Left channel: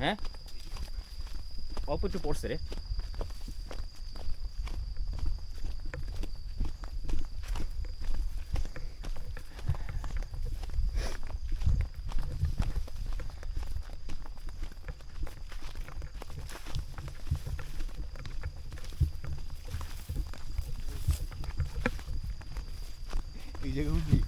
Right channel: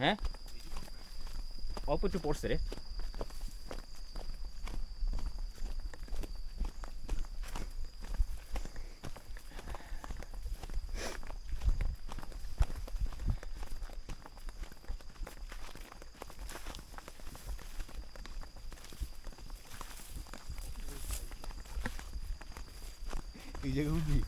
হ্যাঁ অল্প একটু পড়ছে রে। এই জায়গায় উঠবি?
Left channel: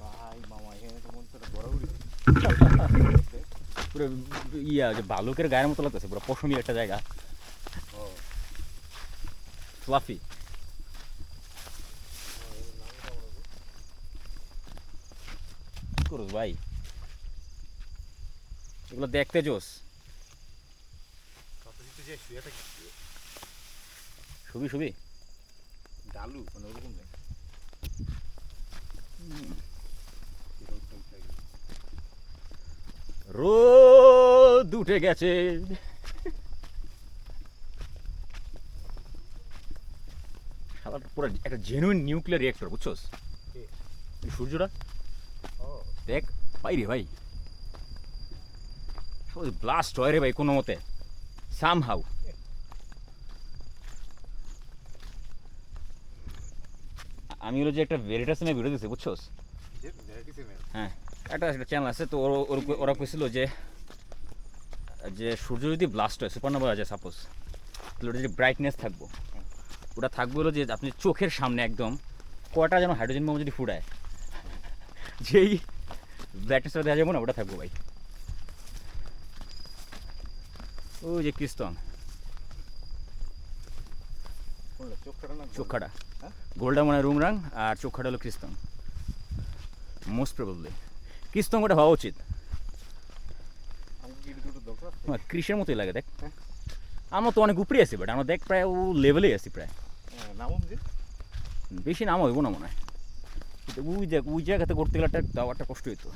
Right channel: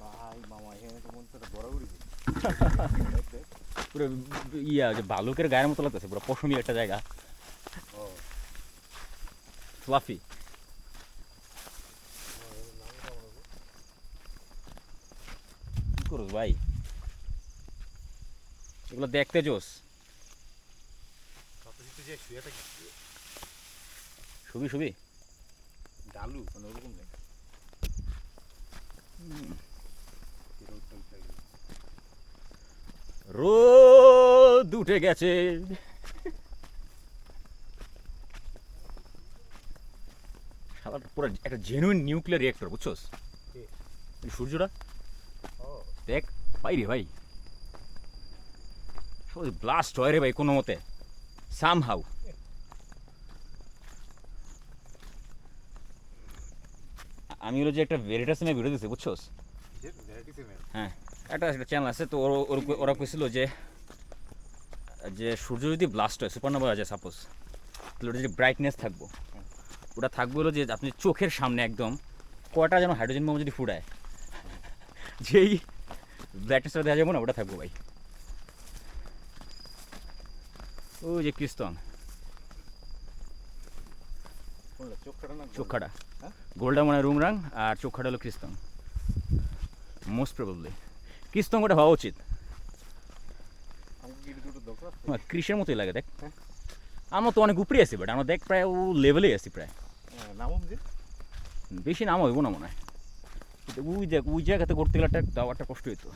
ভাই মামা এখানে তো মনে হচ্ছে বড় উড়ি পুরো ইয়া যে ভালুকের গায়ের মতো লাগতেছে, পুরো পশমি একটা জায়গা, ফ্লাফি। কি করস ভাই, এগুলো দেখতে জোস। শুবি শুবি ডালু মানে ওরকম নেই। রোদ উঠে গেছে। শালাটা পুরো একটা জেনুইন নিউক্লিয়ার রিয়েক্টর, বুঝছস? এই সূর্যটা দেখ ভাই রে ভাই, ব্লাস্ট হয় রে ভাই কোনো মতে, সামহাউ। আমি হলো যে একটা ভেরিটাসে ভিডিও দিচ্ছি, বুঝছস? হ্যাঁ, একটা চ্যানেল আছে তো, ওরা কইছিল যে যে সূর্য যদি ব্লাস্ট হয়, সুপারনোভা হয় যায় সাপোজ, তাহলে ওটা যে ব্রাইটনেস থাকবো, ওটা থাকবে হলো যে আপনি চোখের সামনে একদম কয়টা যেন হাইড্রোজেন বোমা যদি ফুটায়, যেই ব্রাইটনেসটা দেওয়া যাবো না, ওটা থাকবো ভাই। ওই যে ক্রিস্টন চোখাটা, গোল্ডা মনে হয় রুংরাং, আর চোখাটা হলো ক্রিস্টন। মোস্ট প্রবাবলি ক্রিস্টন ওটা হওয়া উচিত। কৃষের মতোই লাগে দেখ। আমরা তো অনেক উপরে আছি, বাট আমরা দেখ প্রায় ও লেভেলেই আছি প্রায়। বেশি নাম হইব না মনে হয়, ওই জায়গাতে করতে গেলে একটা কষ্ট হইতো।